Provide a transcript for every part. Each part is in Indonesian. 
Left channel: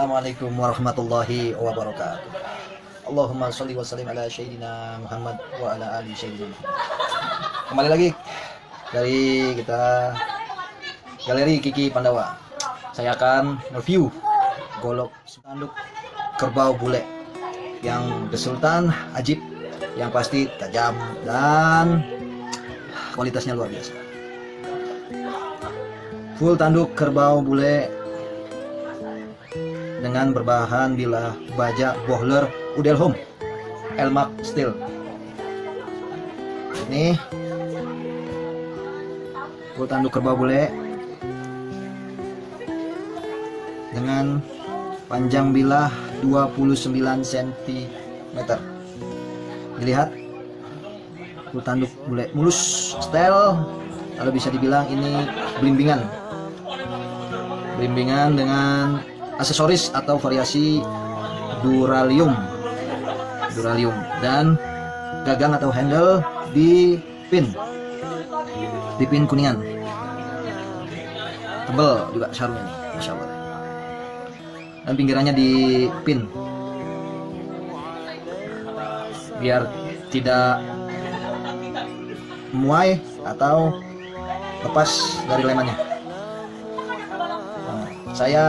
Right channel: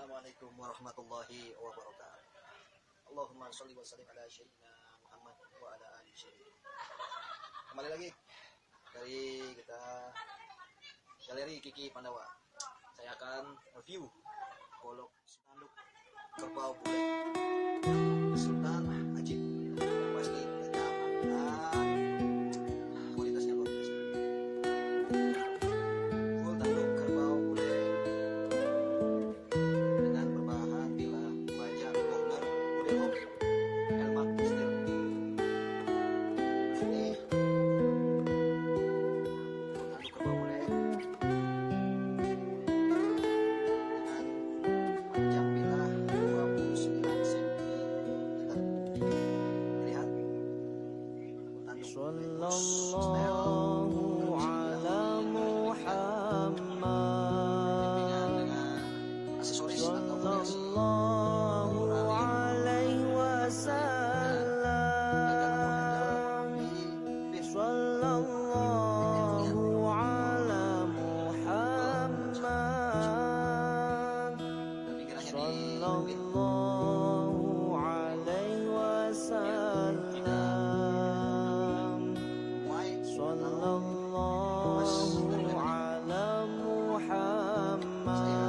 Assalamualaikum warahmatullahi wabarakatuh. Allahumma sholli wa sallim ala sayyidina Muhammad wa ala ali sayyidina Muhammad. Kembali lagi dari kita Galeri Kiki Pandawa. Saya akan review golok tanduk kerbau bule yang besultan ajib, yang pasti tajam dan kualitasnya luar biasa. Full tanduk kerbau bule dengan berbahan bilah baja Bohler Udelhome Elmac Steel. Ini full tanduk kerbau bule dengan panjang bilah 29 cm. Dilihat, full tanduk bule mulus, style, kalau bisa dibilang ini blimbingan dengan aksesoris atau variasi duralium dan gagang atau handle di pin kuningan, tebel juga sarungnya nih, Masya Allah. Dan pinggirannya di pin biar tidak muai atau lepas dari lemannya. Saya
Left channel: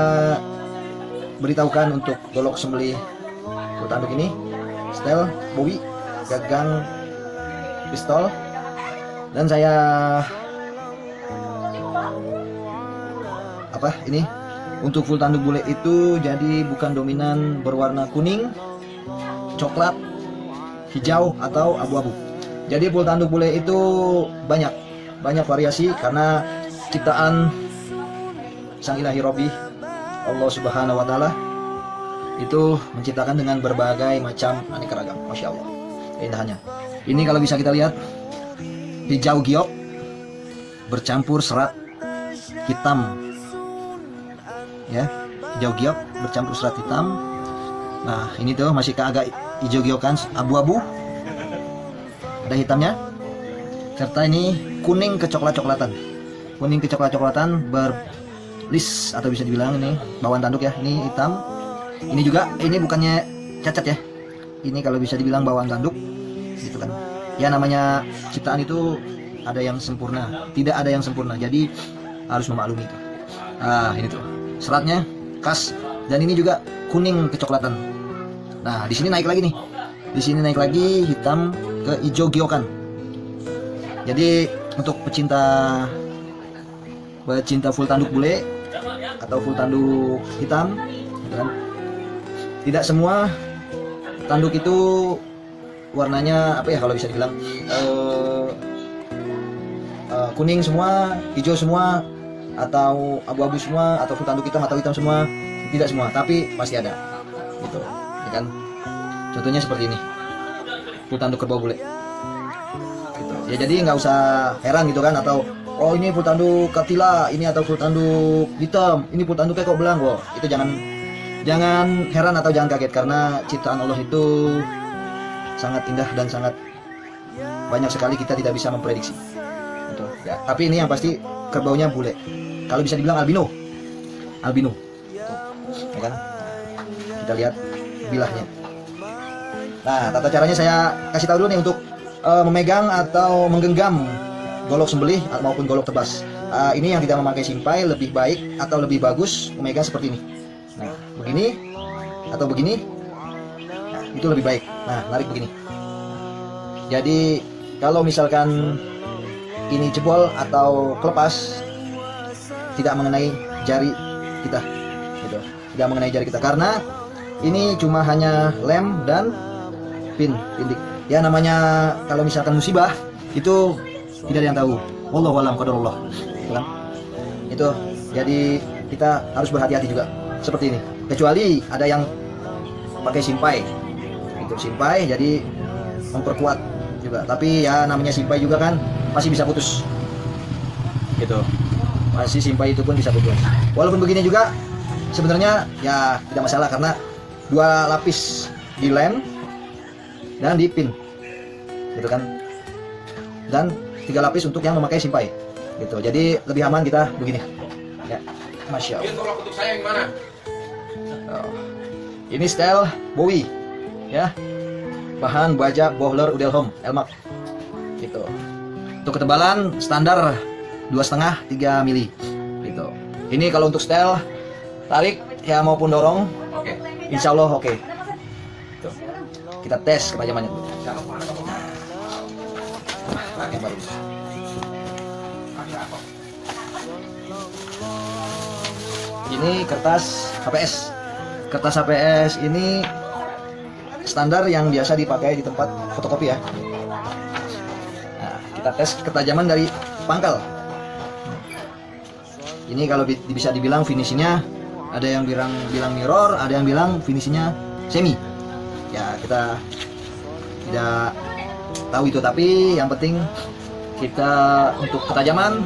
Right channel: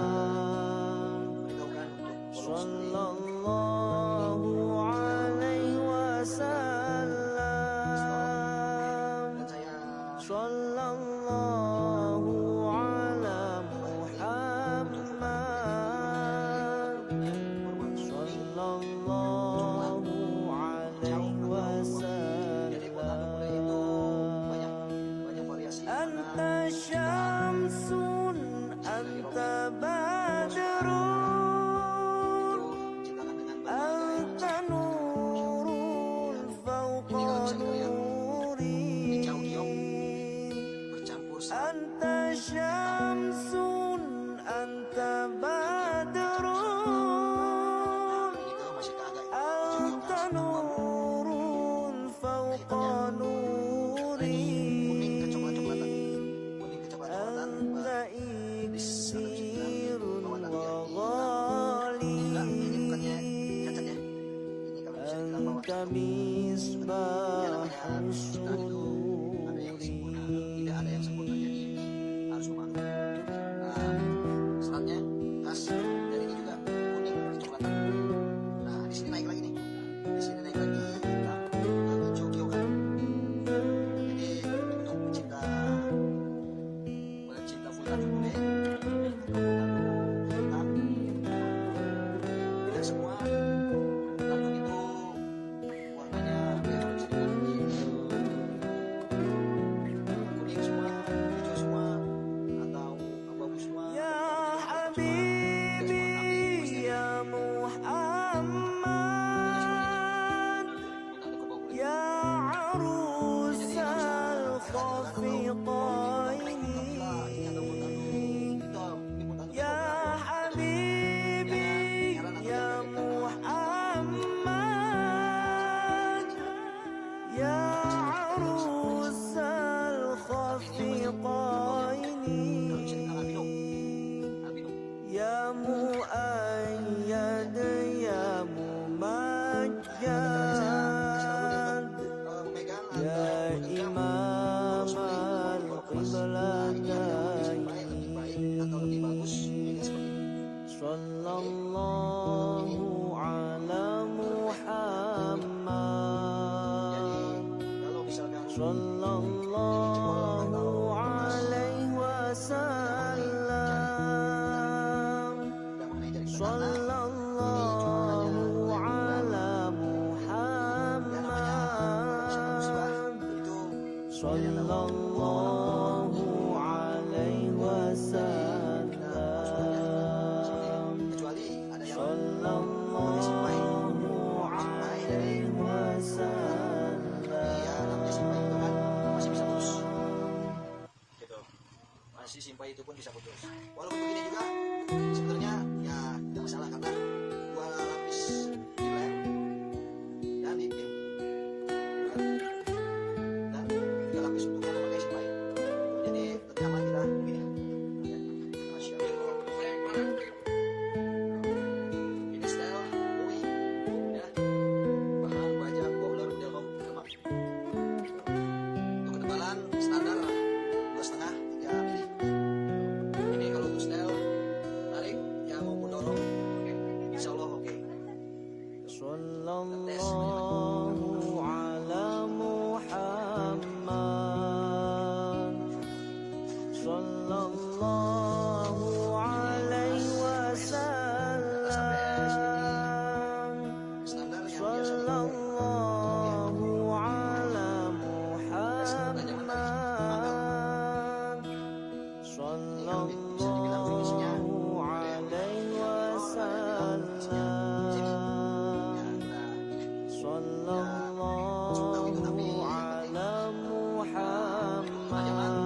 beritahukan untuk golok sembelih full tanduk ini, setel, bowie, gagang, pistol, dan saya ini untuk full tanduk bule itu jadi bukan dominan berwarna kuning, coklat, hijau atau abu-abu. Jadi full tanduk bule itu banyak variasi karena ciptaan Sang Ilahi Robbi Allah Subhanahu wa Ta'ala itu menciptakan dengan berbagai macam aneka ragam. Masya Allah, keindahannya. Ini kalau bisa kita lihat, hijau giok bercampur serat hitam, ya, hijau giok bercampur serat hitam. Nah, ini tuh masih agak hijau giokan, abu-abu, ada hitamnya. Serta ini kuning kecoklat-coklatan berlis atau bisa dibilang ini bawaan tanduk ya, ini hitam. Ini juga, ini bukannya cacat ya, ini kalau bisa dibilang bawaan tanduk gitu kan ya. Namanya ciptaan itu ada yang sempurna, tidak ada yang sempurna, jadi harus memaklumi itu. Nah, ini tuh seratnya khas, dan ini juga kuning kecoklatan. Nah, di sini naik lagi hitam ke hijau giokan. Jadi untuk pecinta full tanduk bule atau full tanduk hitam, kan? Tidak semua tanduk itu warnanya apa ya, kalau bisa dibilang kuning semua, hijau semua, atau abu-abu semua, atau full tanduk hitam atau hitam semua. Tidak semua, tapi pasti ada gitu, ya kan? Contohnya seperti ini, full tanduk kerbau bule gitu. Ya, jadi nggak usah heran gitu kan, atau oh ini full tanduk katila, ini atau full tanduk hitam, ini full tanduknya kok belang. Wow, itu jangan heran atau jangan kaget, karena ciptaan Allah itu sangat indah dan sangat banyak sekali kita tidak bisa memprediksi gitu, ya. Tapi ini yang pasti kerbaunya bule, kalau bisa dibilang albino ya kan? Kita lihat bilahnya. Nah, tata caranya saya kasih tahu dulu nih untuk memegang atau menggenggam golok sembelih maupun golok tebas. Ini yang tidak memakai simpai lebih baik atau lebih bagus memegang seperti ini. Nah, begini atau begini, nah, itu lebih baik. Nah, narik begini. Jadi kalau misalkan ini jebol atau kelepas, tidak mengenai jari kita gitu. Tidak mengenai jari kita, karena ini cuma hanya lem dan pindik. Ya, namanya kalau misalkan musibah itu tidak ada yang tahu. Wallahu a'lam qadarullah. Itu jadi kita harus berhati-hati juga seperti ini. Kecuali ada yang pakai simpai, itu simpai jadi memperkuat juga. Tapi ya namanya simpai juga kan masih bisa putus gitu. Masih simpai itu pun bisa putus. Walaupun begini juga sebenarnya ya tidak masalah, karena 2 lapis di lem dan di pin gitu kan, dan 3 lapis untuk yang memakai simpai gitu. Jadi lebih aman kita begini ya. Masya Allah. Oh. Ini style Bowie ya, bahan baja Bohler Udelholm Elmax gitu. Untuk ketebalan standar 2,5-3 mili gitu. Ini kalau untuk style tarik ya maupun dorong, insya Allah oke. Gitu. Kita tes kepajamannya. Ini kertas HPS. Kertas HPS ini standar yang biasa dipakai di tempat fotokopi ya. Nah, kita tes ketajaman dari pangkal. Ini kalau bisa dibilang finishingnya, ada yang bilang mirror, ada yang bilang finishingnya semi. Ya kita tidak tahu itu, tapi yang penting kita untuk ketajaman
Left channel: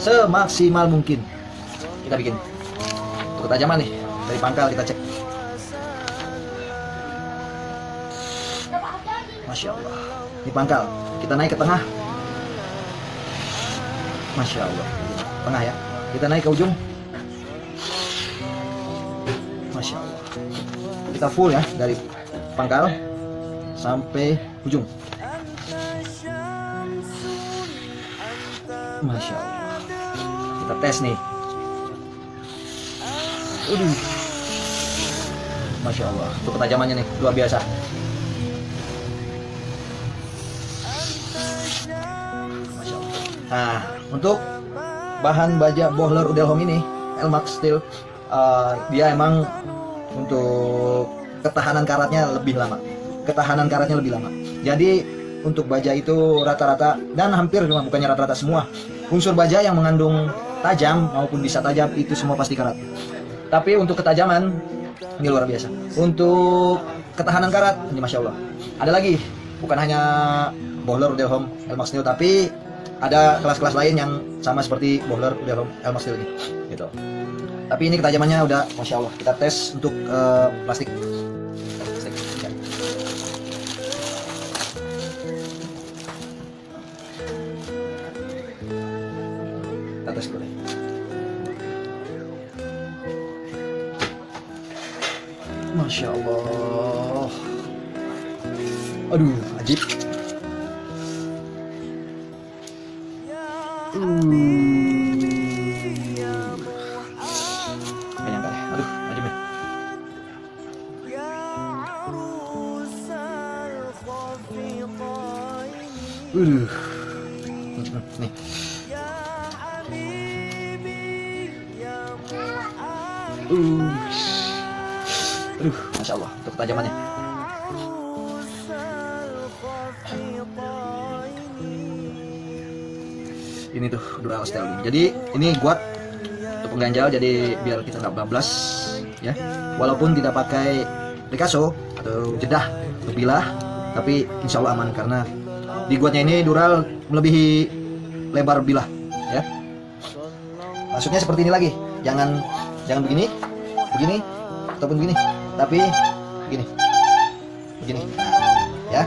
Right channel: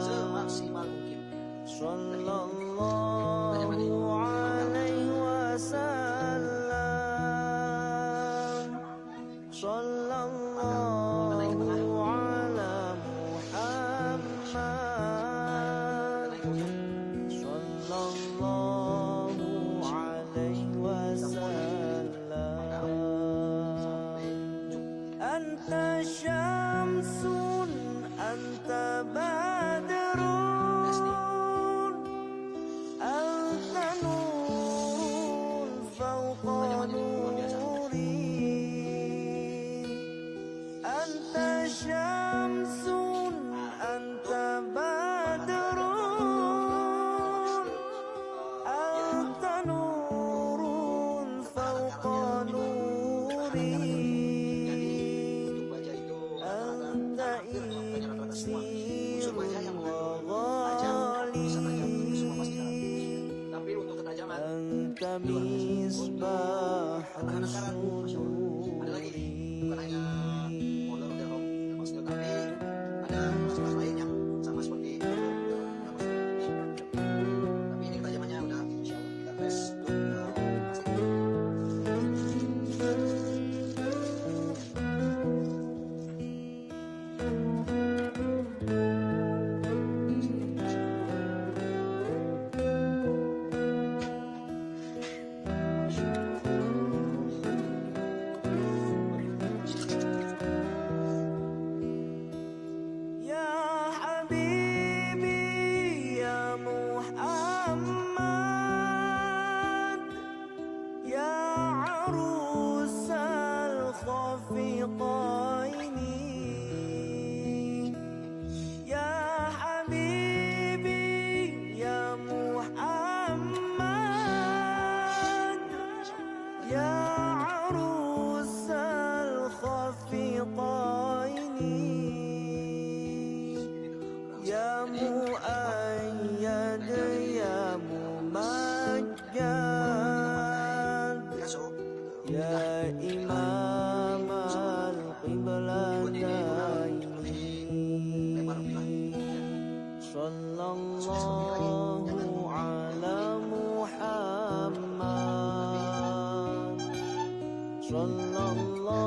semaksimal mungkin kita bikin. Untuk ketajaman nih dari pangkal kita cek. Masya Allah, di pangkal kita naik ke tengah. Masya Allah, tengah ya, kita naik ke ujung. Masya Allah, kita full ya dari pangkal sampai ujung. Masya Allah, kita tes nih. Masya Allah, untuk ketajamannya nih luar biasa. Nah, untuk bahan baja Bohler Udelholm ini Elmax Steel, dia emang untuk ketahanan karatnya lebih lama. Jadi untuk baja itu rata-rata dan hampir bukannya rata-rata, semua unsur baja yang mengandung tajam maupun bisa tajam itu semua pasti karat. Tapi untuk ketajaman ini luar biasa. Untuk ketahanan karat ini Masya Allah. Ada lagi, bukan hanya Bohler Udelholm Elmax Steel, tapi ada kelas-kelas lain yang sama seperti Bohler Udelholm Elmax Steel ini gitu. Tapi ini ketajamannya udah Masya Allah. Kita tes untuk plastik. Kita tes dulu. Masya Allah. Aduh, ajib. Nih. Masya Allah untuk ketajamannya. Ini tuh dural steel. Jadi ini kuat untuk mengganjal, jadi biar kita nggak bablas ya. Walaupun tidak pakai Picasso atau jedah bilah, tapi insya Allah aman karena dibuatnya ini dural melebihi lebar bilah ya. Maksudnya seperti ini lagi, jangan begini ataupun begini, tapi begini ya.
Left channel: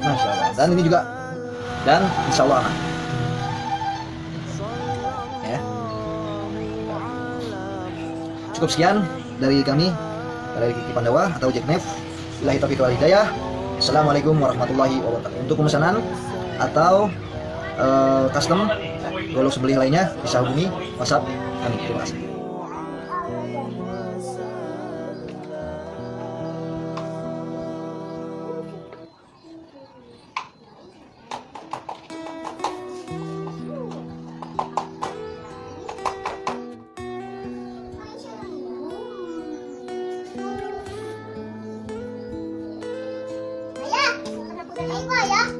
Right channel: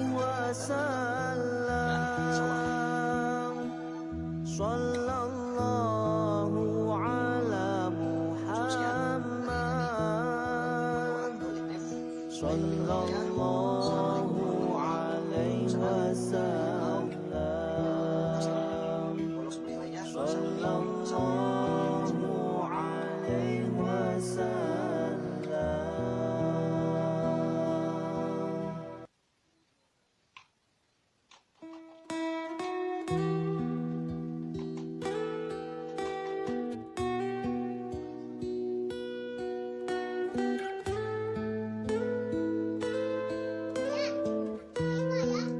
Masya Allah. Dan ini juga, dan insya Allah aman ya. Cukup sekian dari kami, dari Kiki Pandawa atau Jack Neff. Billahi taufiq wal hidayah. Assalamualaikum warahmatullahi wabarakatuh. Untuk pemesanan atau custom golok sebeli lainnya bisa hubungi WhatsApp kami. Terima kasih. Ya, jangan.